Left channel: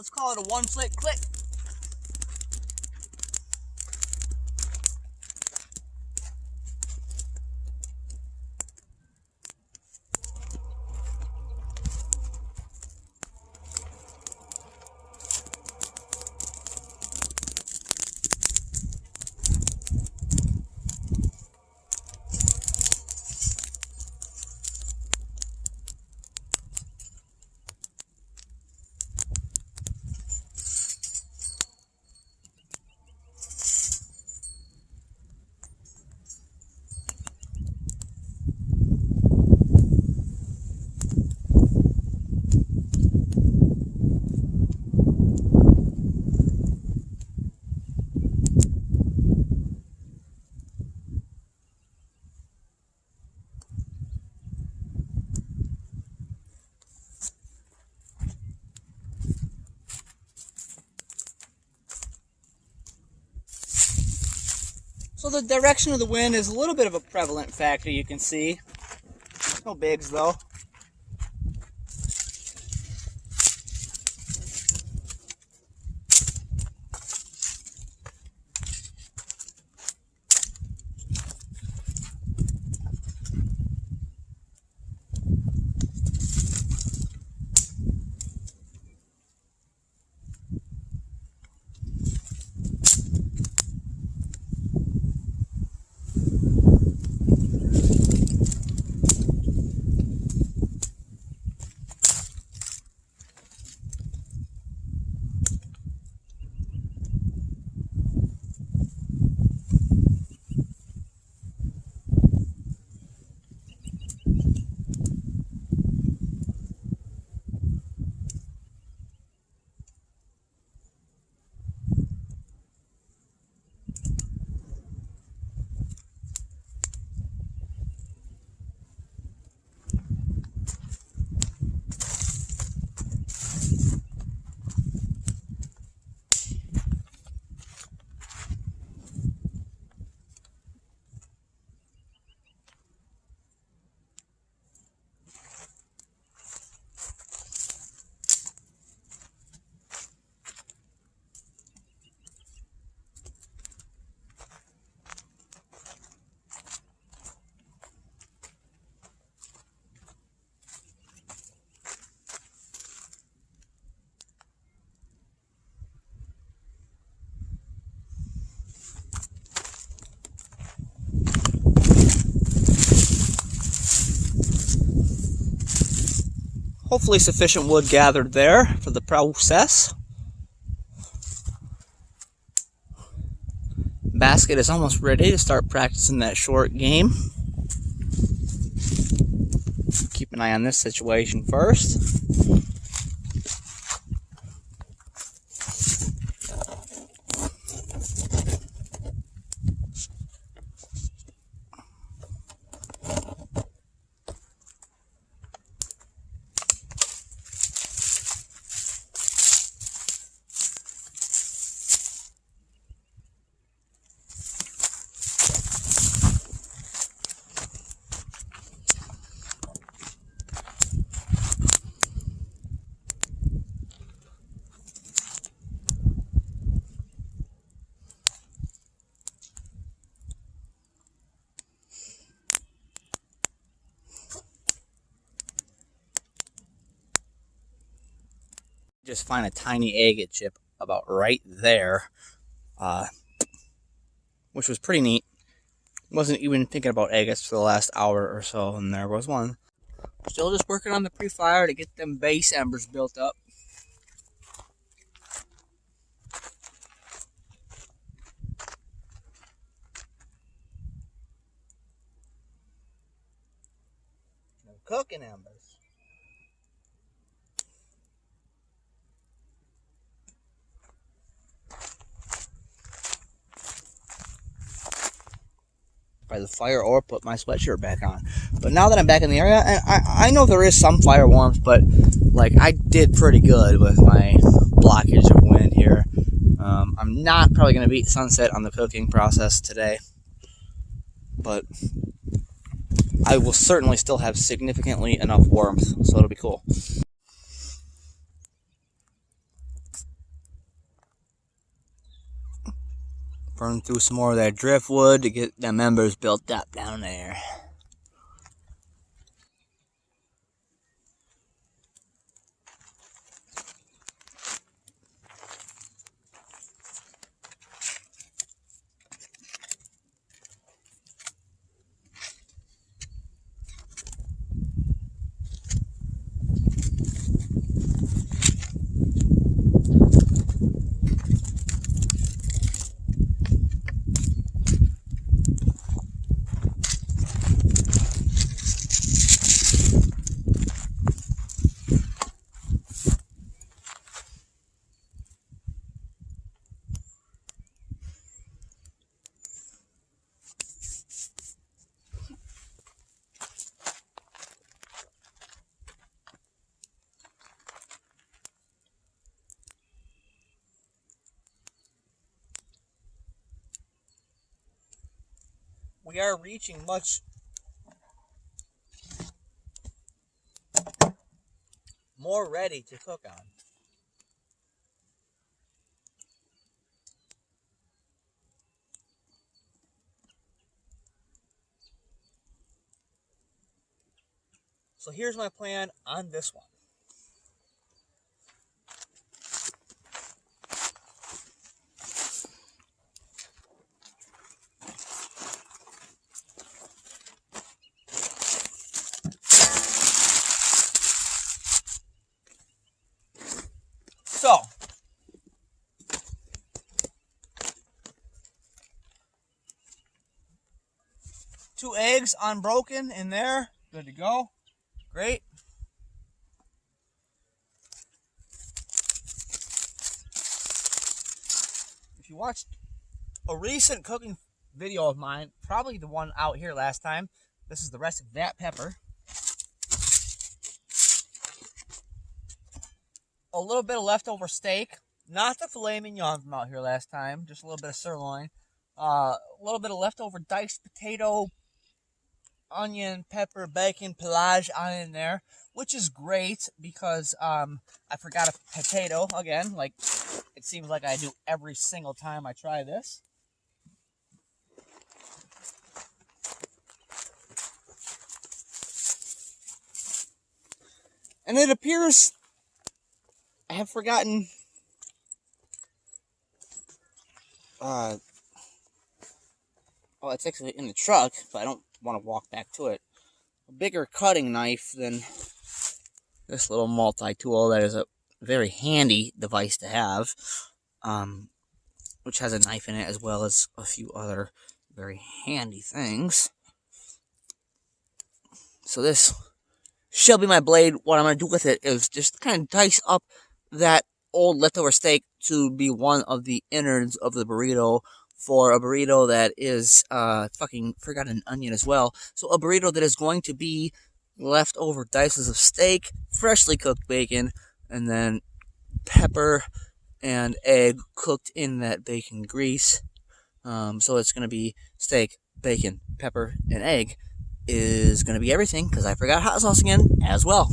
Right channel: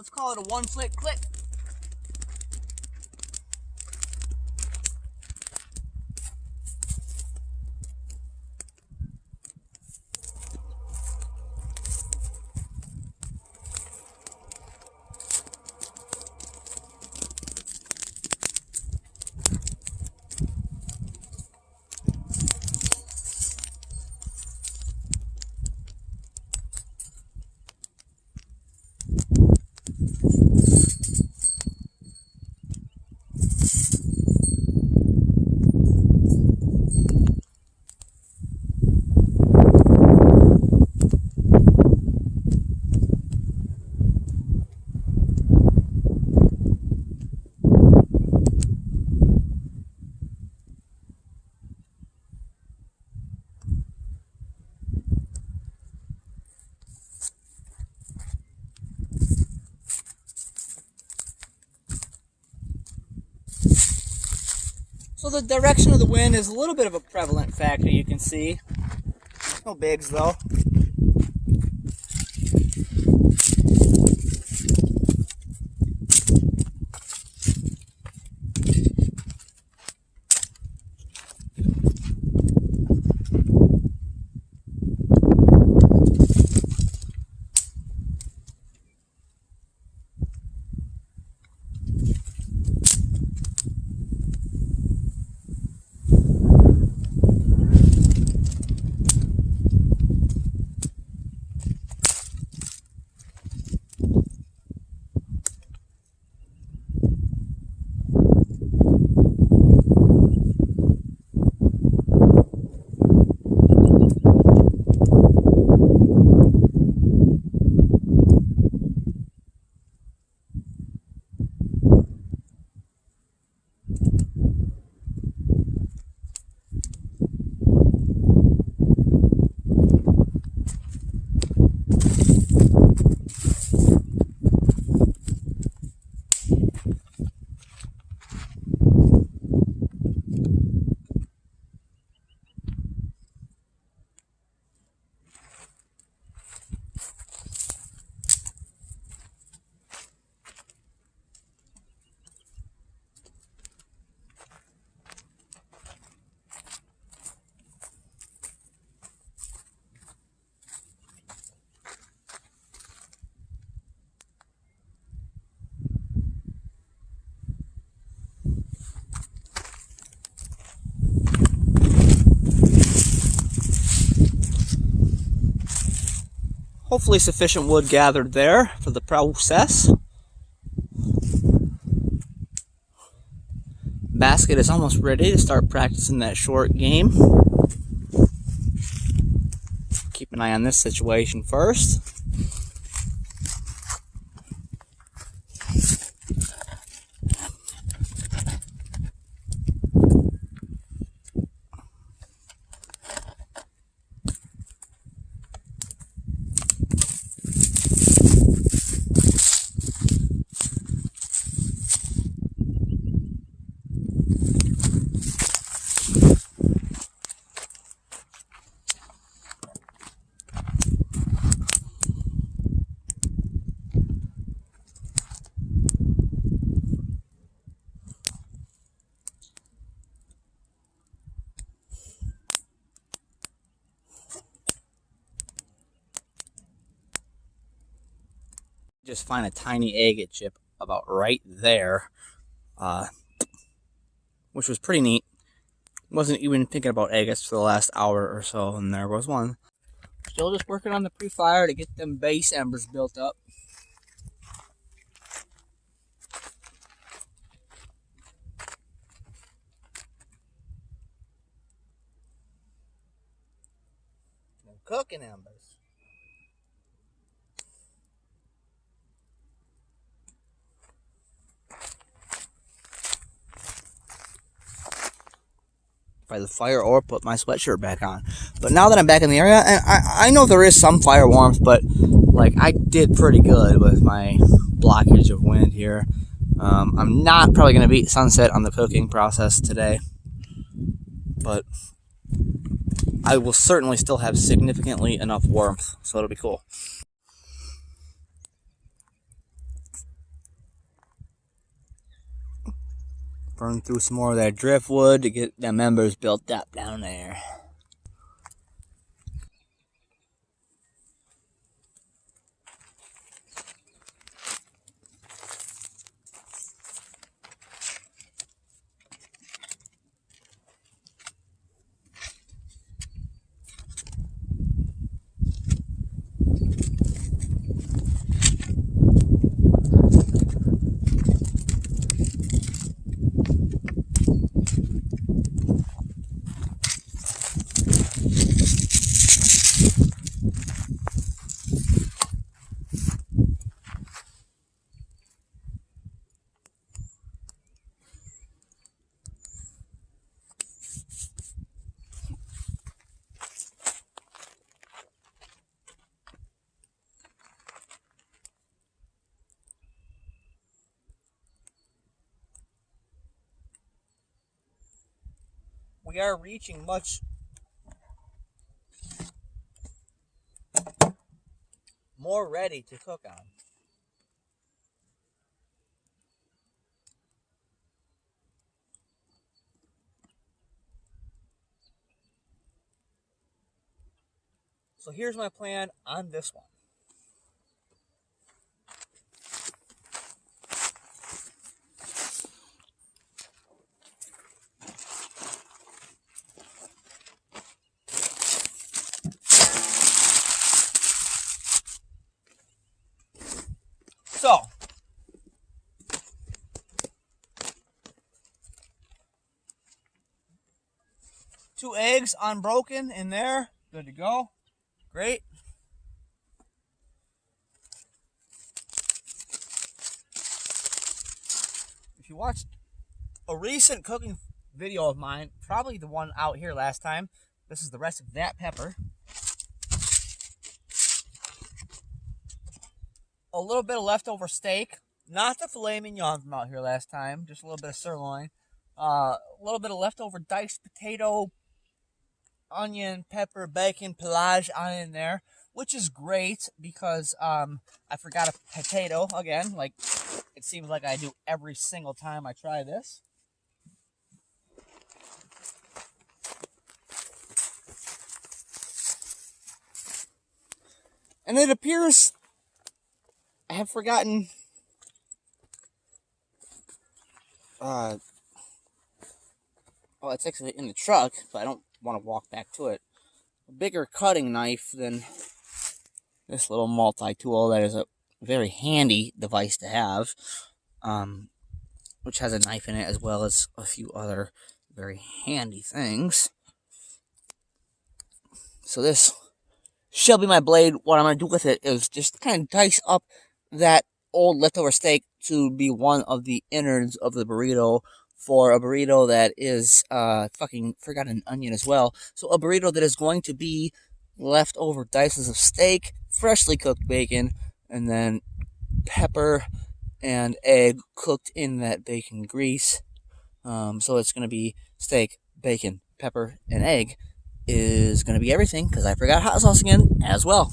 Let's call it a one flick click. So the direction of the wind is a little bit of a prevalent factor, you can see. No bigs though. Hopefully sufficient wood gathered there for the process. Basket is almost ready to start practicing that short game. Keep an eye on this situation first. Just find a tiny agate chip about right there, which was pretty neat. Wasn't even thinking about agates for the last hour or so, and there was one. Still just working on the pre-fire to get them base embers built up. And cooking embers. By the fire or put my sweatshirt back on. But now that I'm back in the area, and I know there is some fire warmth, but like I did pretty good with my blockage of wind here. I'm not probably going to beat sunset on the cooking process today, but I will certainly still have significantly enough warmth, so it'll be cool. Burn through some more of that driftwood to get the members built up down there. We are reaching much more ready to cook on. So here's my plan on this one. So, 2 eggs unbroken in there. Good to go. Great. If you watched a recent cooking video of mine, probably the one out here last time, this is the rest of that pepper. A little bit of leftover steak, not the filet mignon from out here last time, just a little bit of sirloin. A little bit of leftover diced potato, onion, pepper, bacon, pelage on in there, which is great because I forgot a potato again, like it seems like I do every single time I try this. And it appears I have forgotten oh, it's actually in the truck, but I don't want to walk back to it. A bigger cutting knife than this little multi-tool that is a very handy device to have, which has a knife in it as well as a few other very handy things. So this shall be my blade. What I'm going to do with it is just kind of dice up that old leftover steak to be one of the innards of the burrito for a burrito that is, fucking forgot an onion as well. So a burrito that is going to be leftover dices of steak, freshly cooked bacon, and then pepper and egg cooked in that bacon grease. So it's going to be steak, bacon, pepper, and egg is going to be everything because I forgot hot sauce again as well.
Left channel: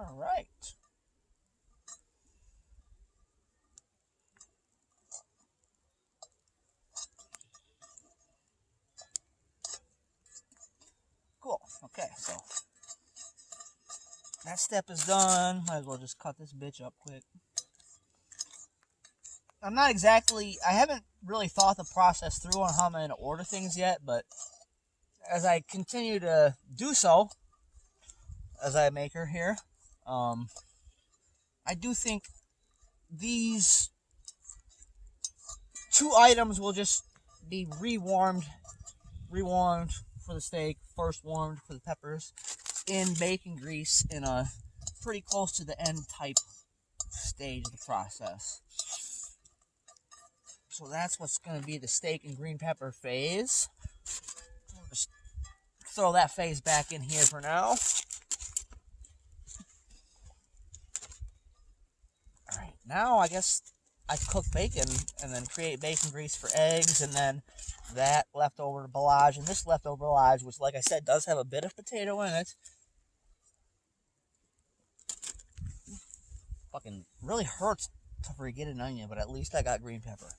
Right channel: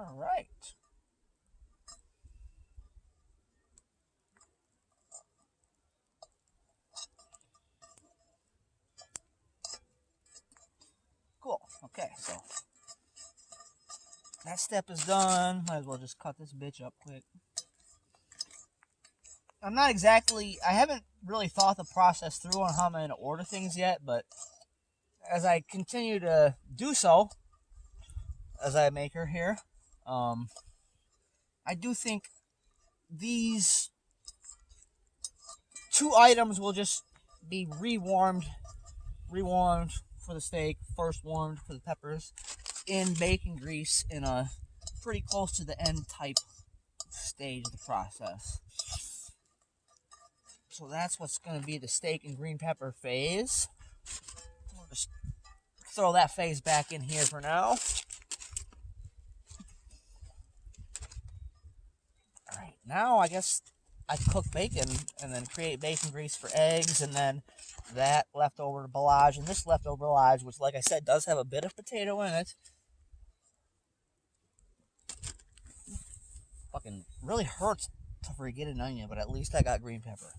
All right. Cool. Okay, so that step is done. Might as well just cut this bitch up quick. I haven't really thought the process through on how I'm going to order things yet, but as I continue to do so, as I make her here, I do think these 2 items will just be rewarmed for the steak, first warmed for the peppers, in bacon grease in a pretty close to the end type stage of the process. So that's what's going to be the steak and green pepper phase. We'll just throw that phase back in here for now. All right, now I guess I cook bacon and then create bacon grease for eggs, and then that leftover ballage and this leftover ballage, which, like I said, does have a bit of potato in it. Fucking really hurts to forget an onion, but at least I got green pepper.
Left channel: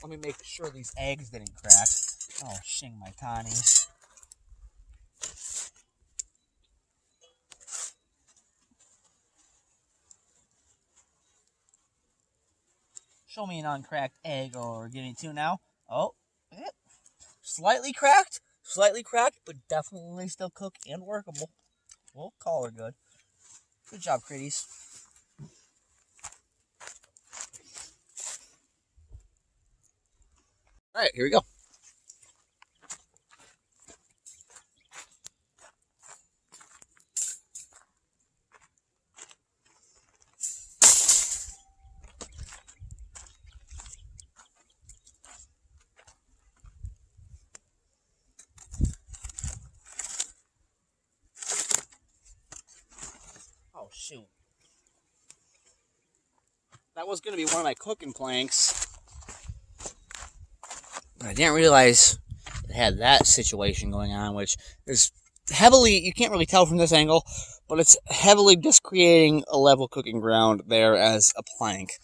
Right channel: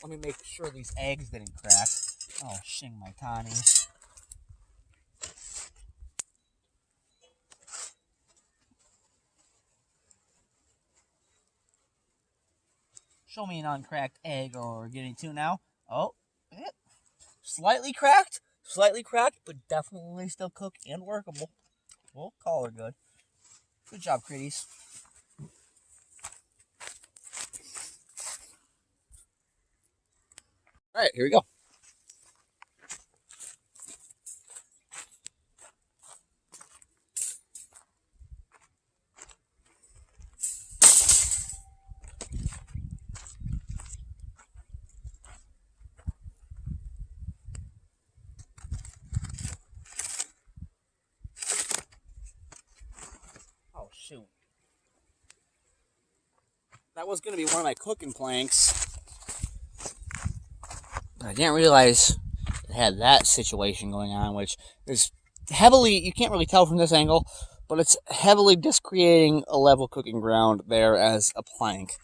Let me make sure these eggs didn't crack. Oh, shing my tani. Show me an uncracked egg, or we're getting two now. Oh, slightly cracked, but definitely still cooked and workable. We'll call her good. Good job, Critties. All right, here we go. Oh, shoot. That was going to be one of my cooking planks, but I didn't realize it had that situation going on, which is heavily, you can't really tell from this angle, but it's heavily just creating a level cooking ground there as a plank.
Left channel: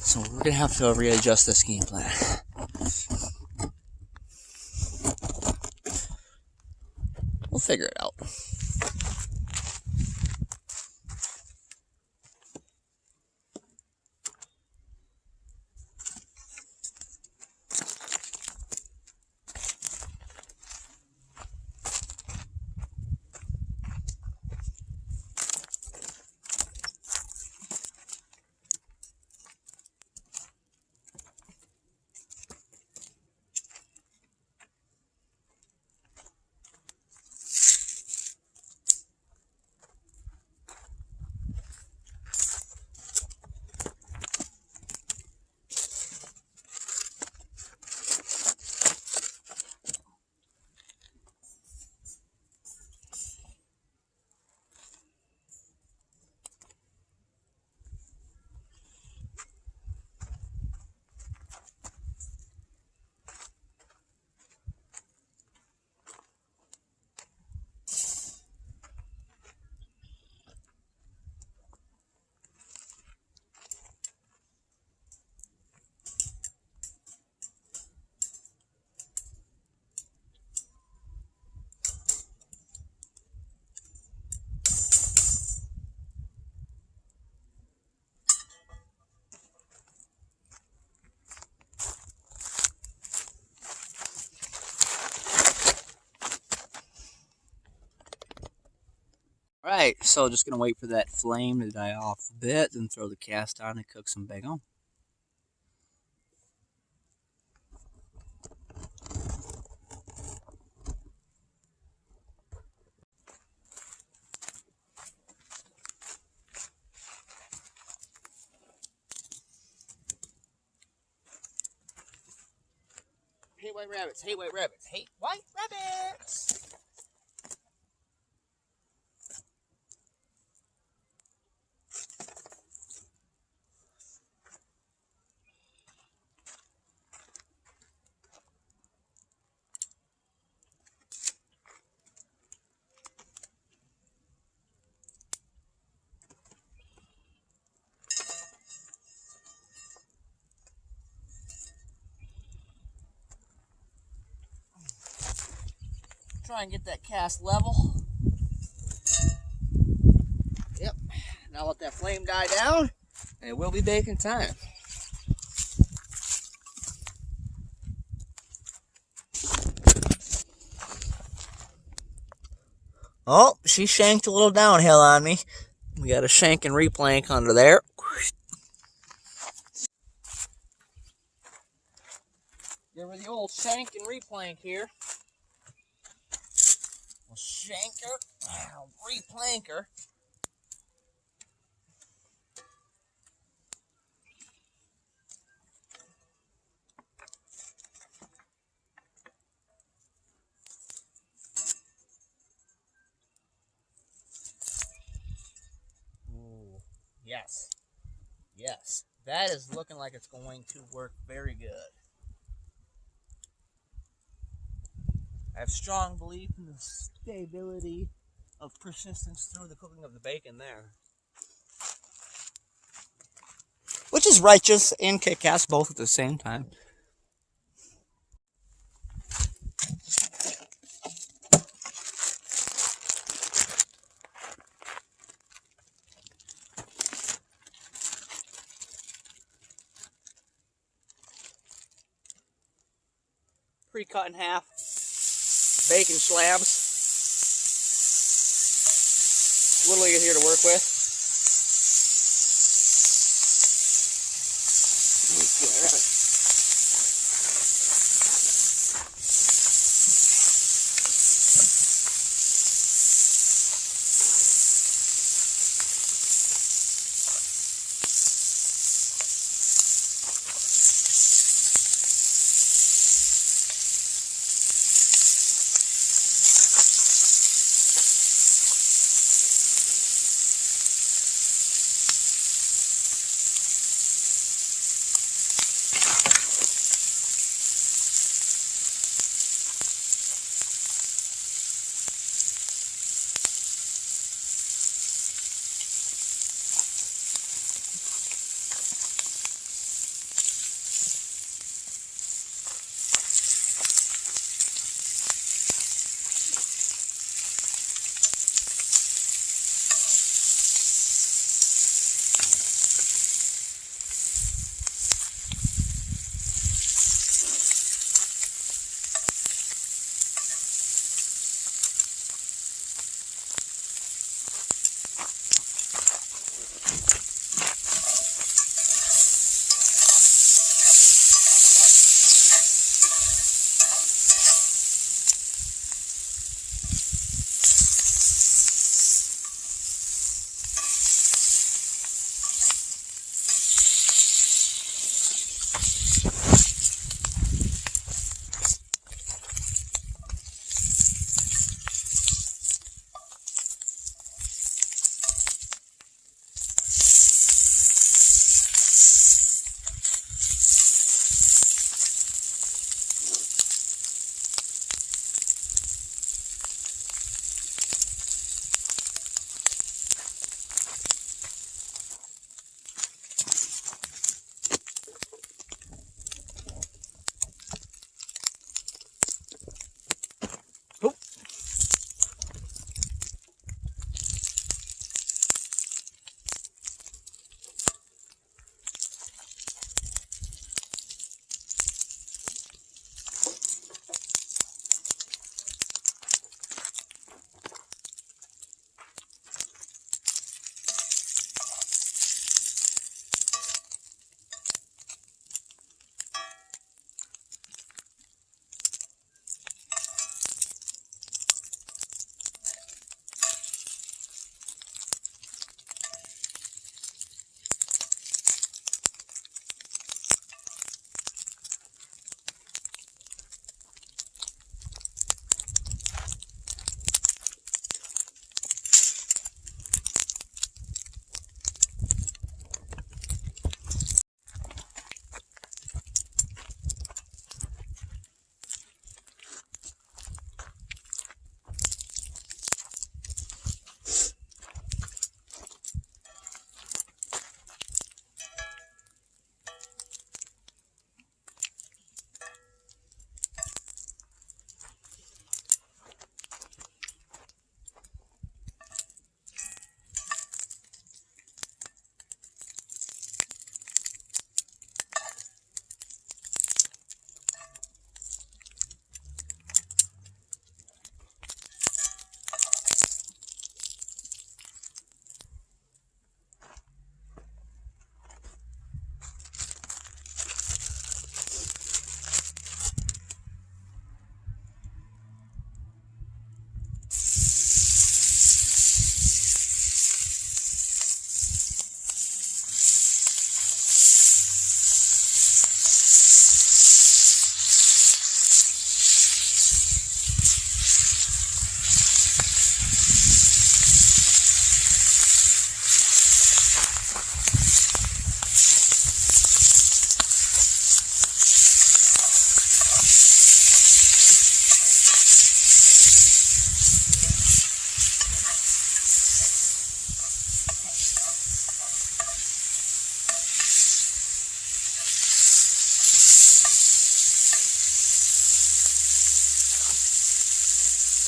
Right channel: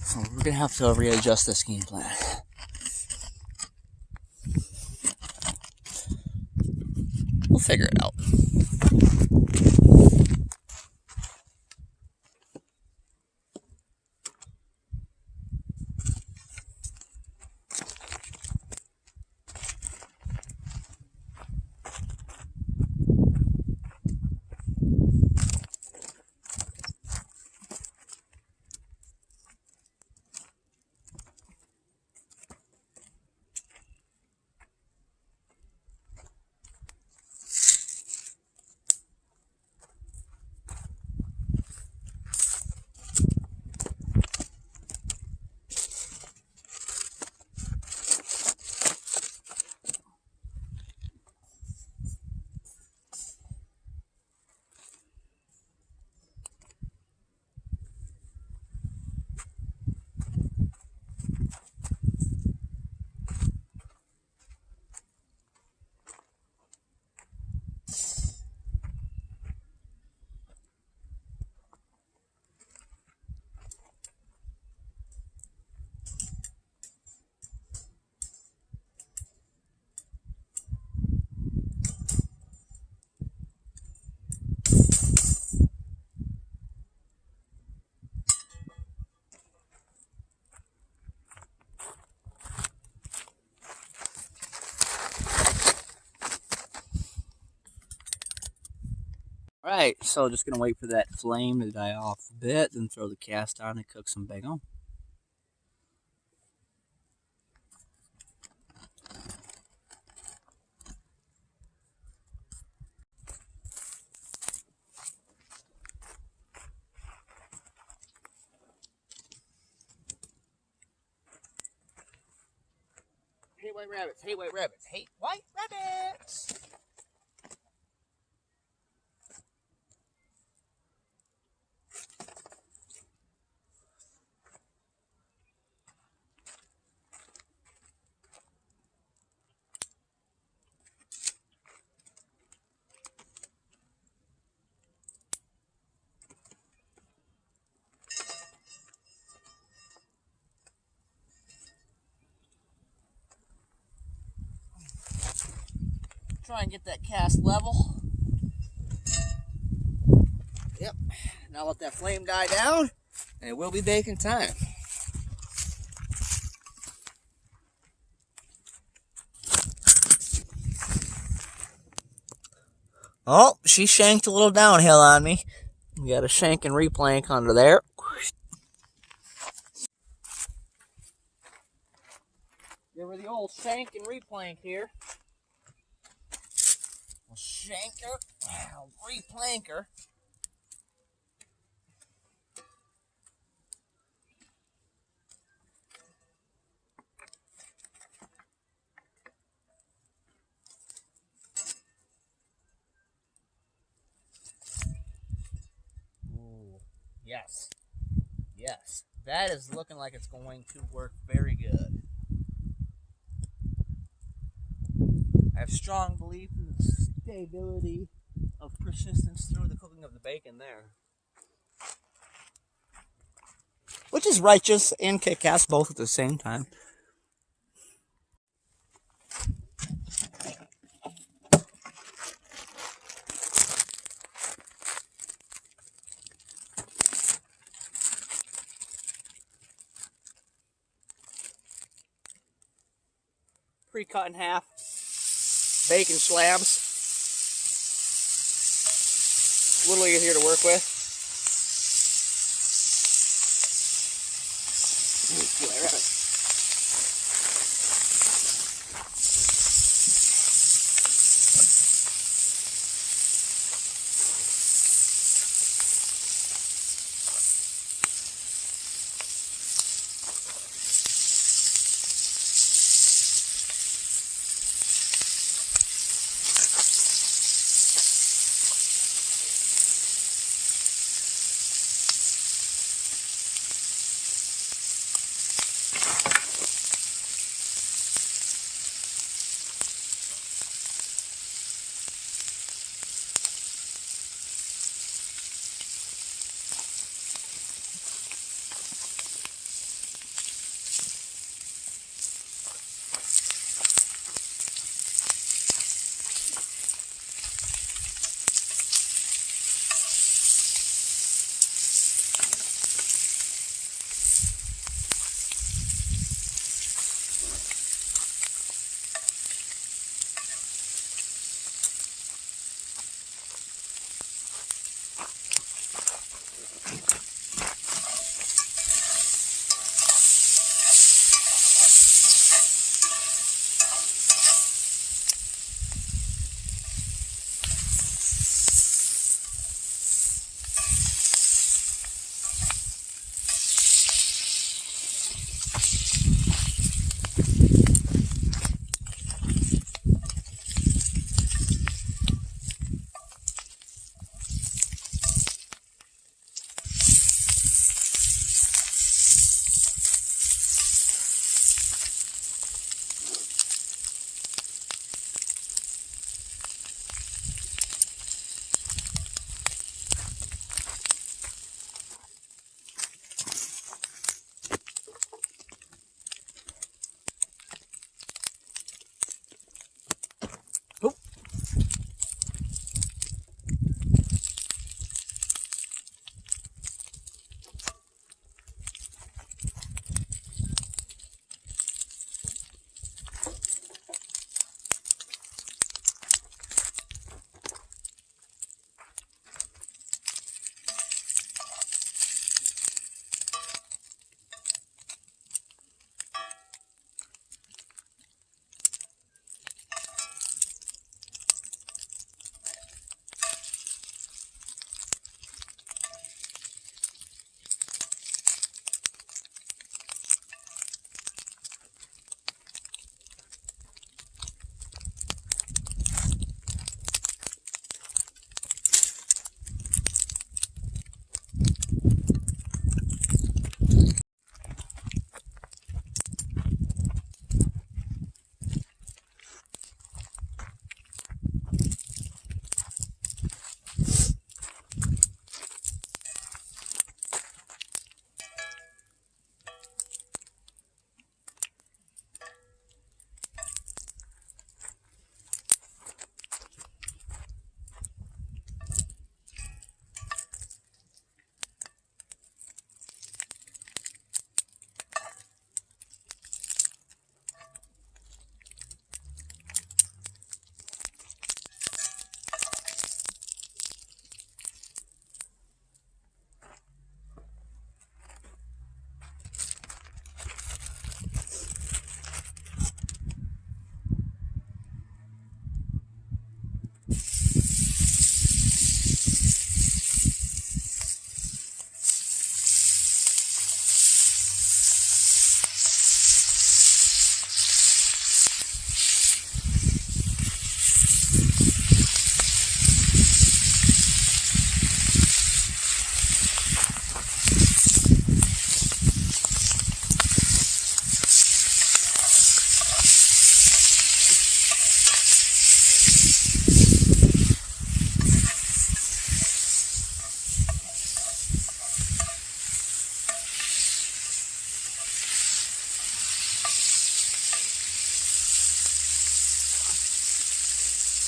So we're going to have to readjust this game plan. We'll figure it out. Alright, so just gonna wait for that flame to die off a bit, then throw the cast on and cook some bacon. Hate white rabbits, hate white rabbits, hate white rabbits! Try and get that cast level. Yep. Now let that flame die down, and it will be baking time. Oh, she shanked a little downhill on me. We got a shank and replank under there. Give her the old shank and replank here. We'll shank her, replank her. Yes, that is looking like it's going to work very good. I have strong belief in the stability of persistence through the cooking of the bacon there. Which is righteous and kick-ass both at the same time. Pre-cut in half bacon slabs. A little easier to work with.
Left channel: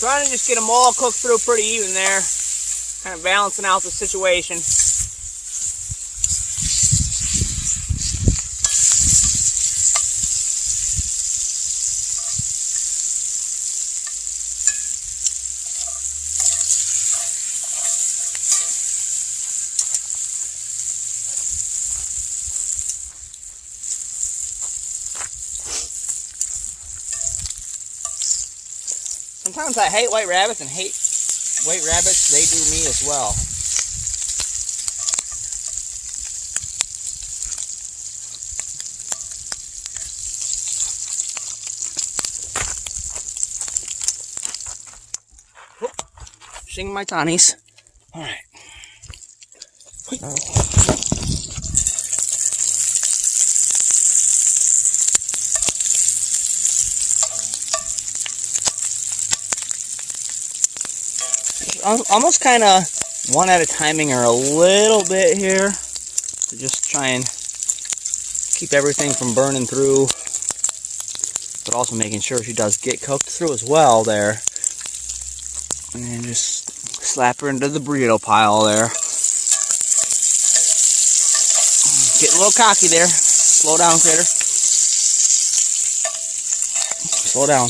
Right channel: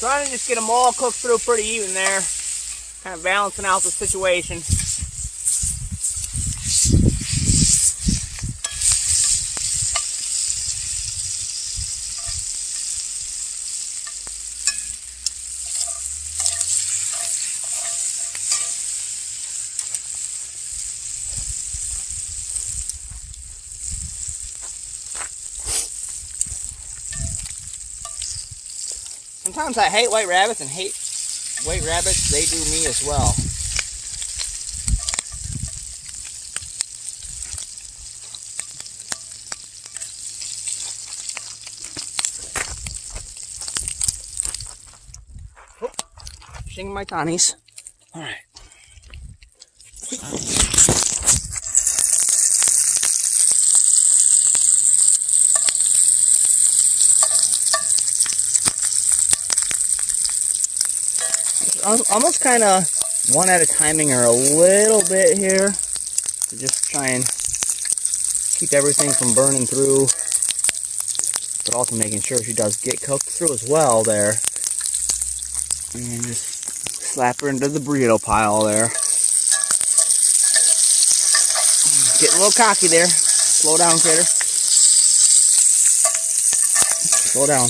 Trying to just get them all cooked through pretty even there. Kind of balancing out the situation. Sometimes I hate white rabbits, and hate white rabbits, they do me as well. Fishing my tawnies. All right. Almost kind of one at a timing her a little bit here to just try and keep everything from burning through, but also making sure she does get cooked through as well there. And just slap her into the burrito pile there. Getting a little cocky there. Slow down, critter. Slow down.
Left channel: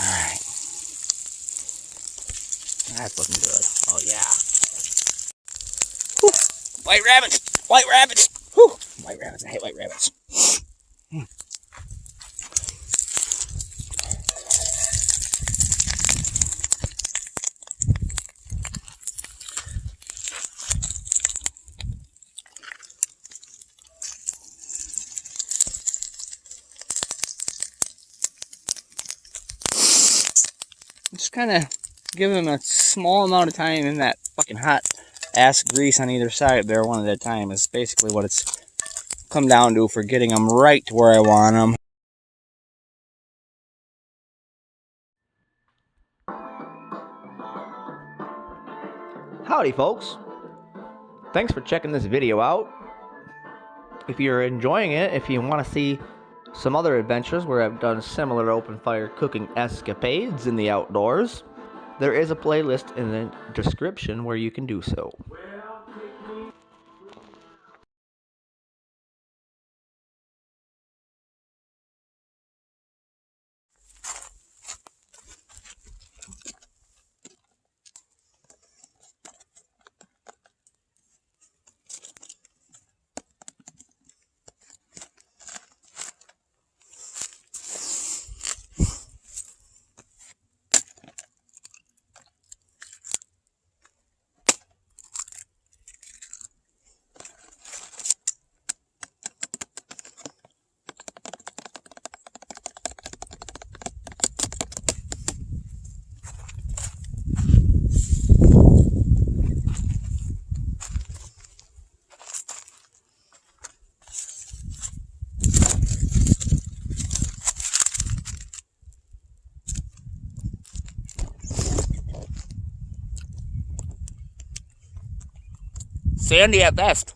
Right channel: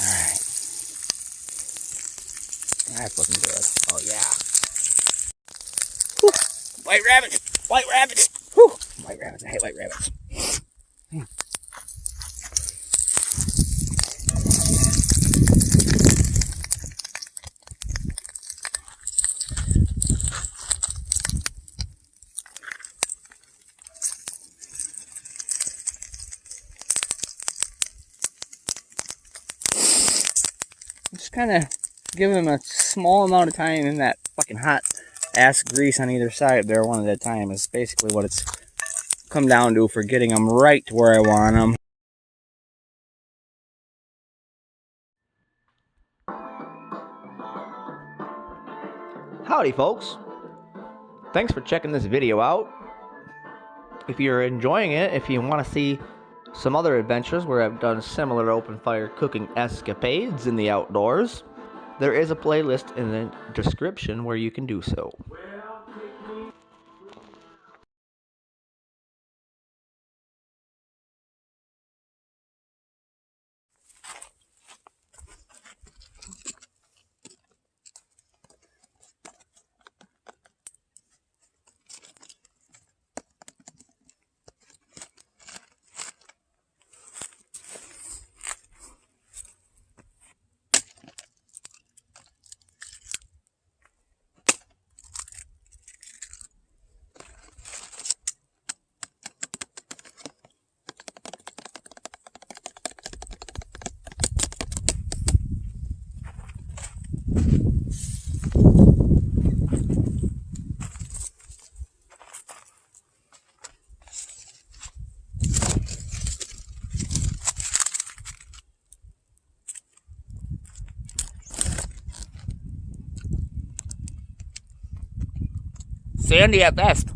Alright. That's looking good. Oh yeah. Whew. White rabbits! White rabbits! Whew. White rabbits. I hate white rabbits. Just kind of give them a small amount of time in that fucking hot ass grease on either side there, one at a time, is basically what it's come down to for getting them right to where I want them. Howdy folks, thanks for checking this video out. If you're enjoying it, if you want to see some other adventures where I've done similar open fire cooking escapades in the outdoors, there is a playlist in the description where you can do so. Sandy at best.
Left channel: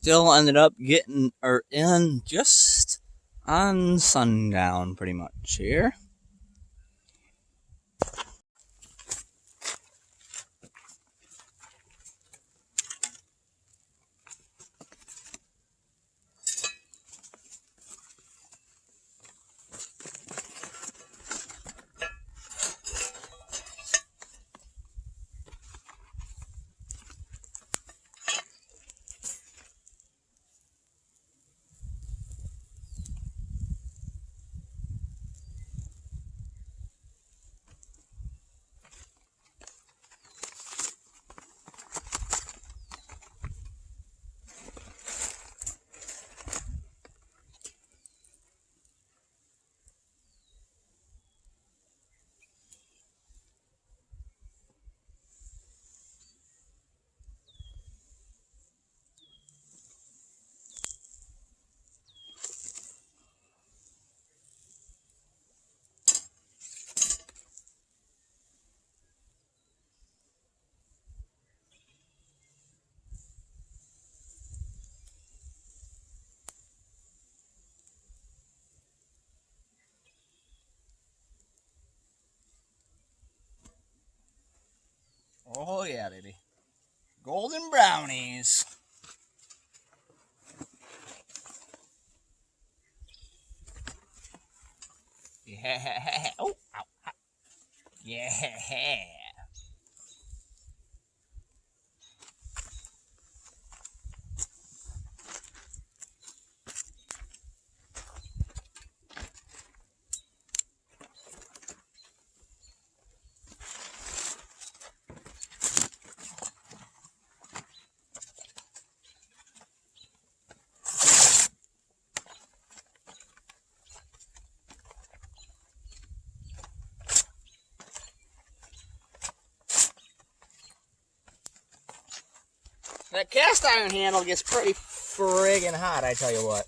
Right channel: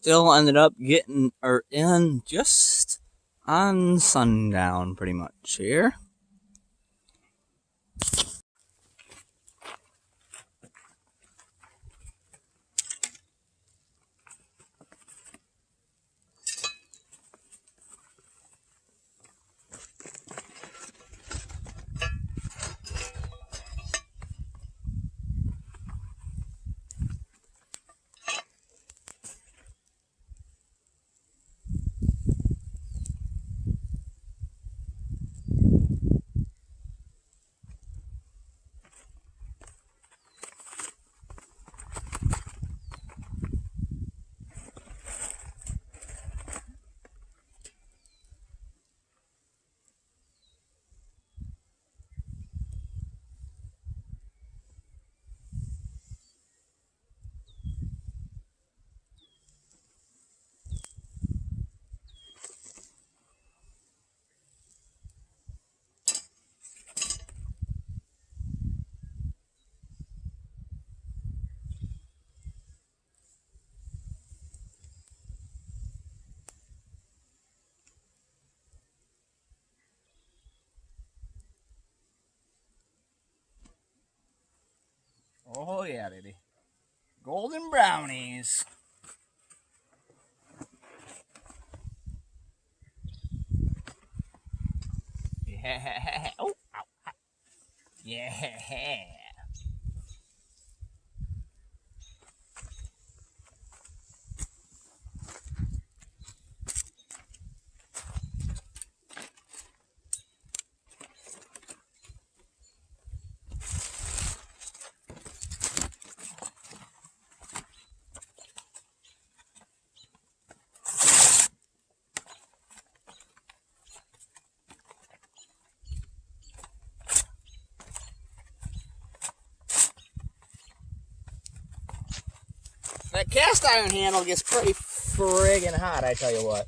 still ended up getting in just on sundown pretty much here. Oh yeah, baby. Golden brownies. Yeah. Oh, ow, ow. Yeah. That cast iron handle gets pretty friggin' hot, I tell you what.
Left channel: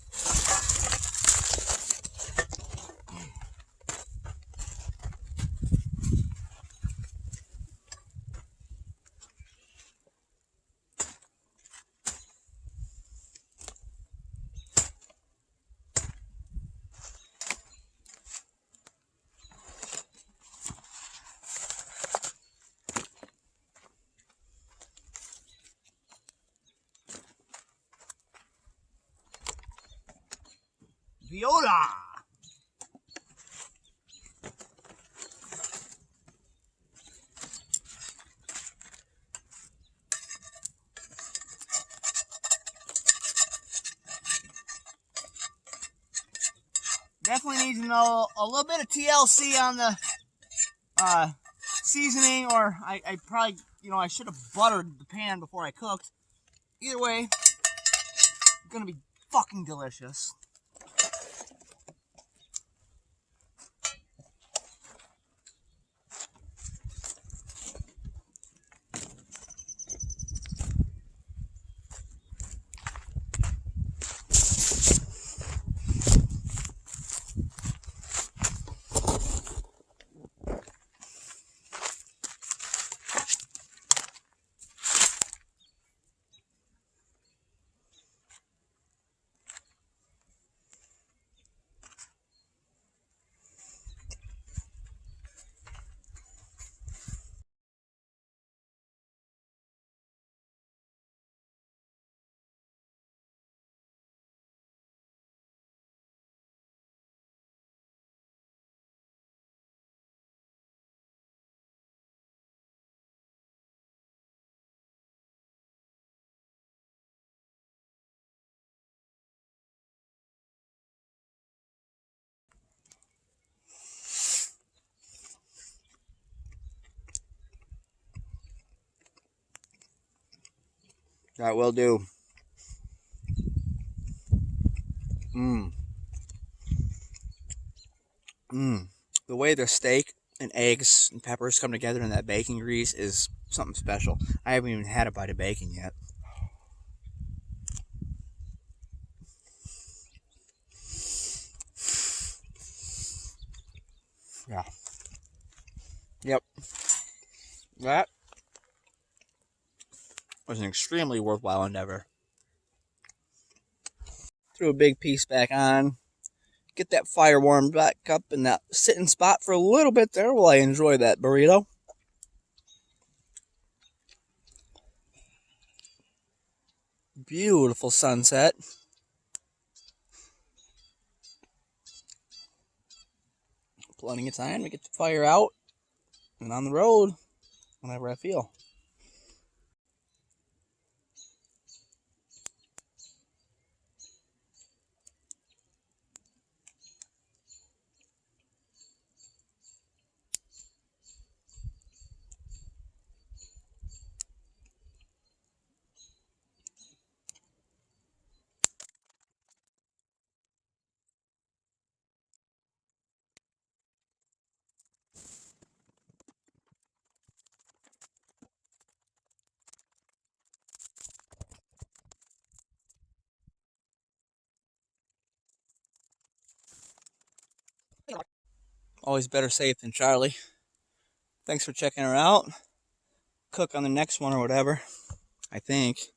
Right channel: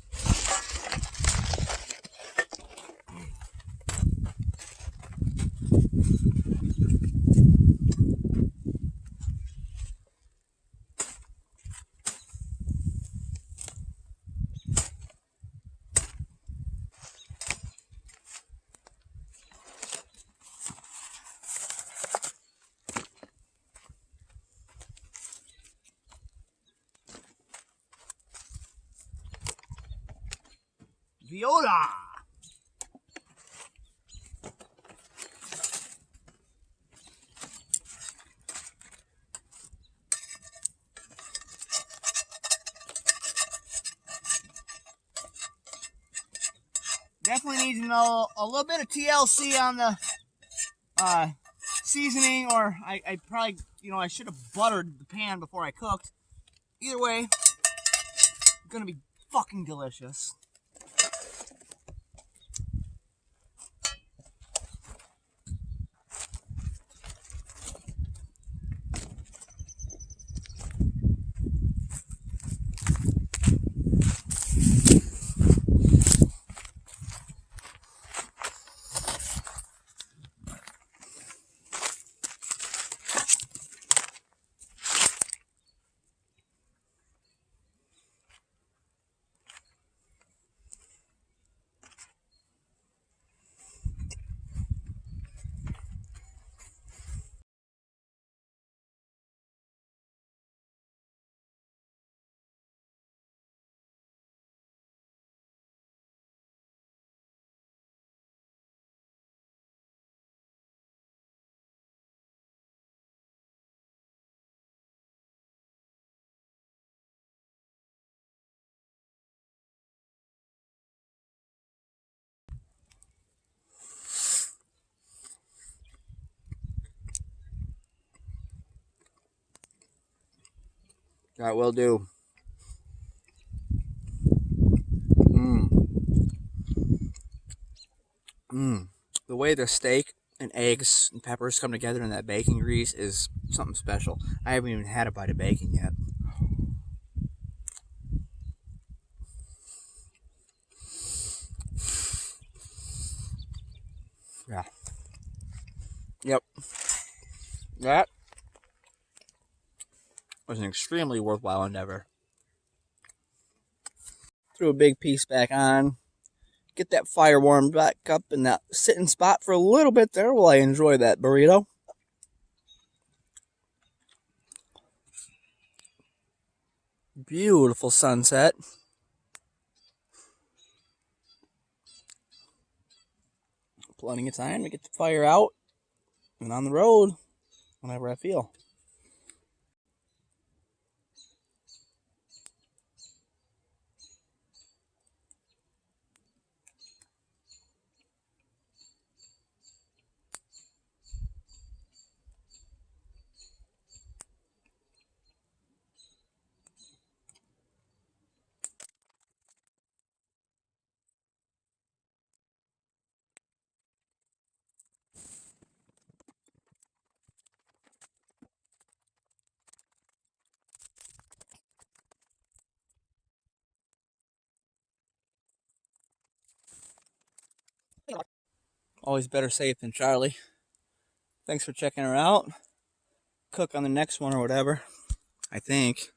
Viola! Definitely needs to know a little bit of TLC on the seasoning, or I probably, I should have buttered the pan before I cooked. Either way, it's gonna be fucking delicious. That will do. The way the steak and eggs and peppers come together in that bacon grease is something special. I haven't even had a bite of bacon yet. Yeah. Yep. That was an extremely worthwhile endeavor. threw a big piece back on. Get that fire warmed back up in that sitting spot for a little bit there while I enjoy that burrito. Beautiful sunset. Plenty of time to get the fire out and on the road whenever I feel. Always better safe than Charlie. Thanks for checking her out. Cook on the next one or whatever, I think.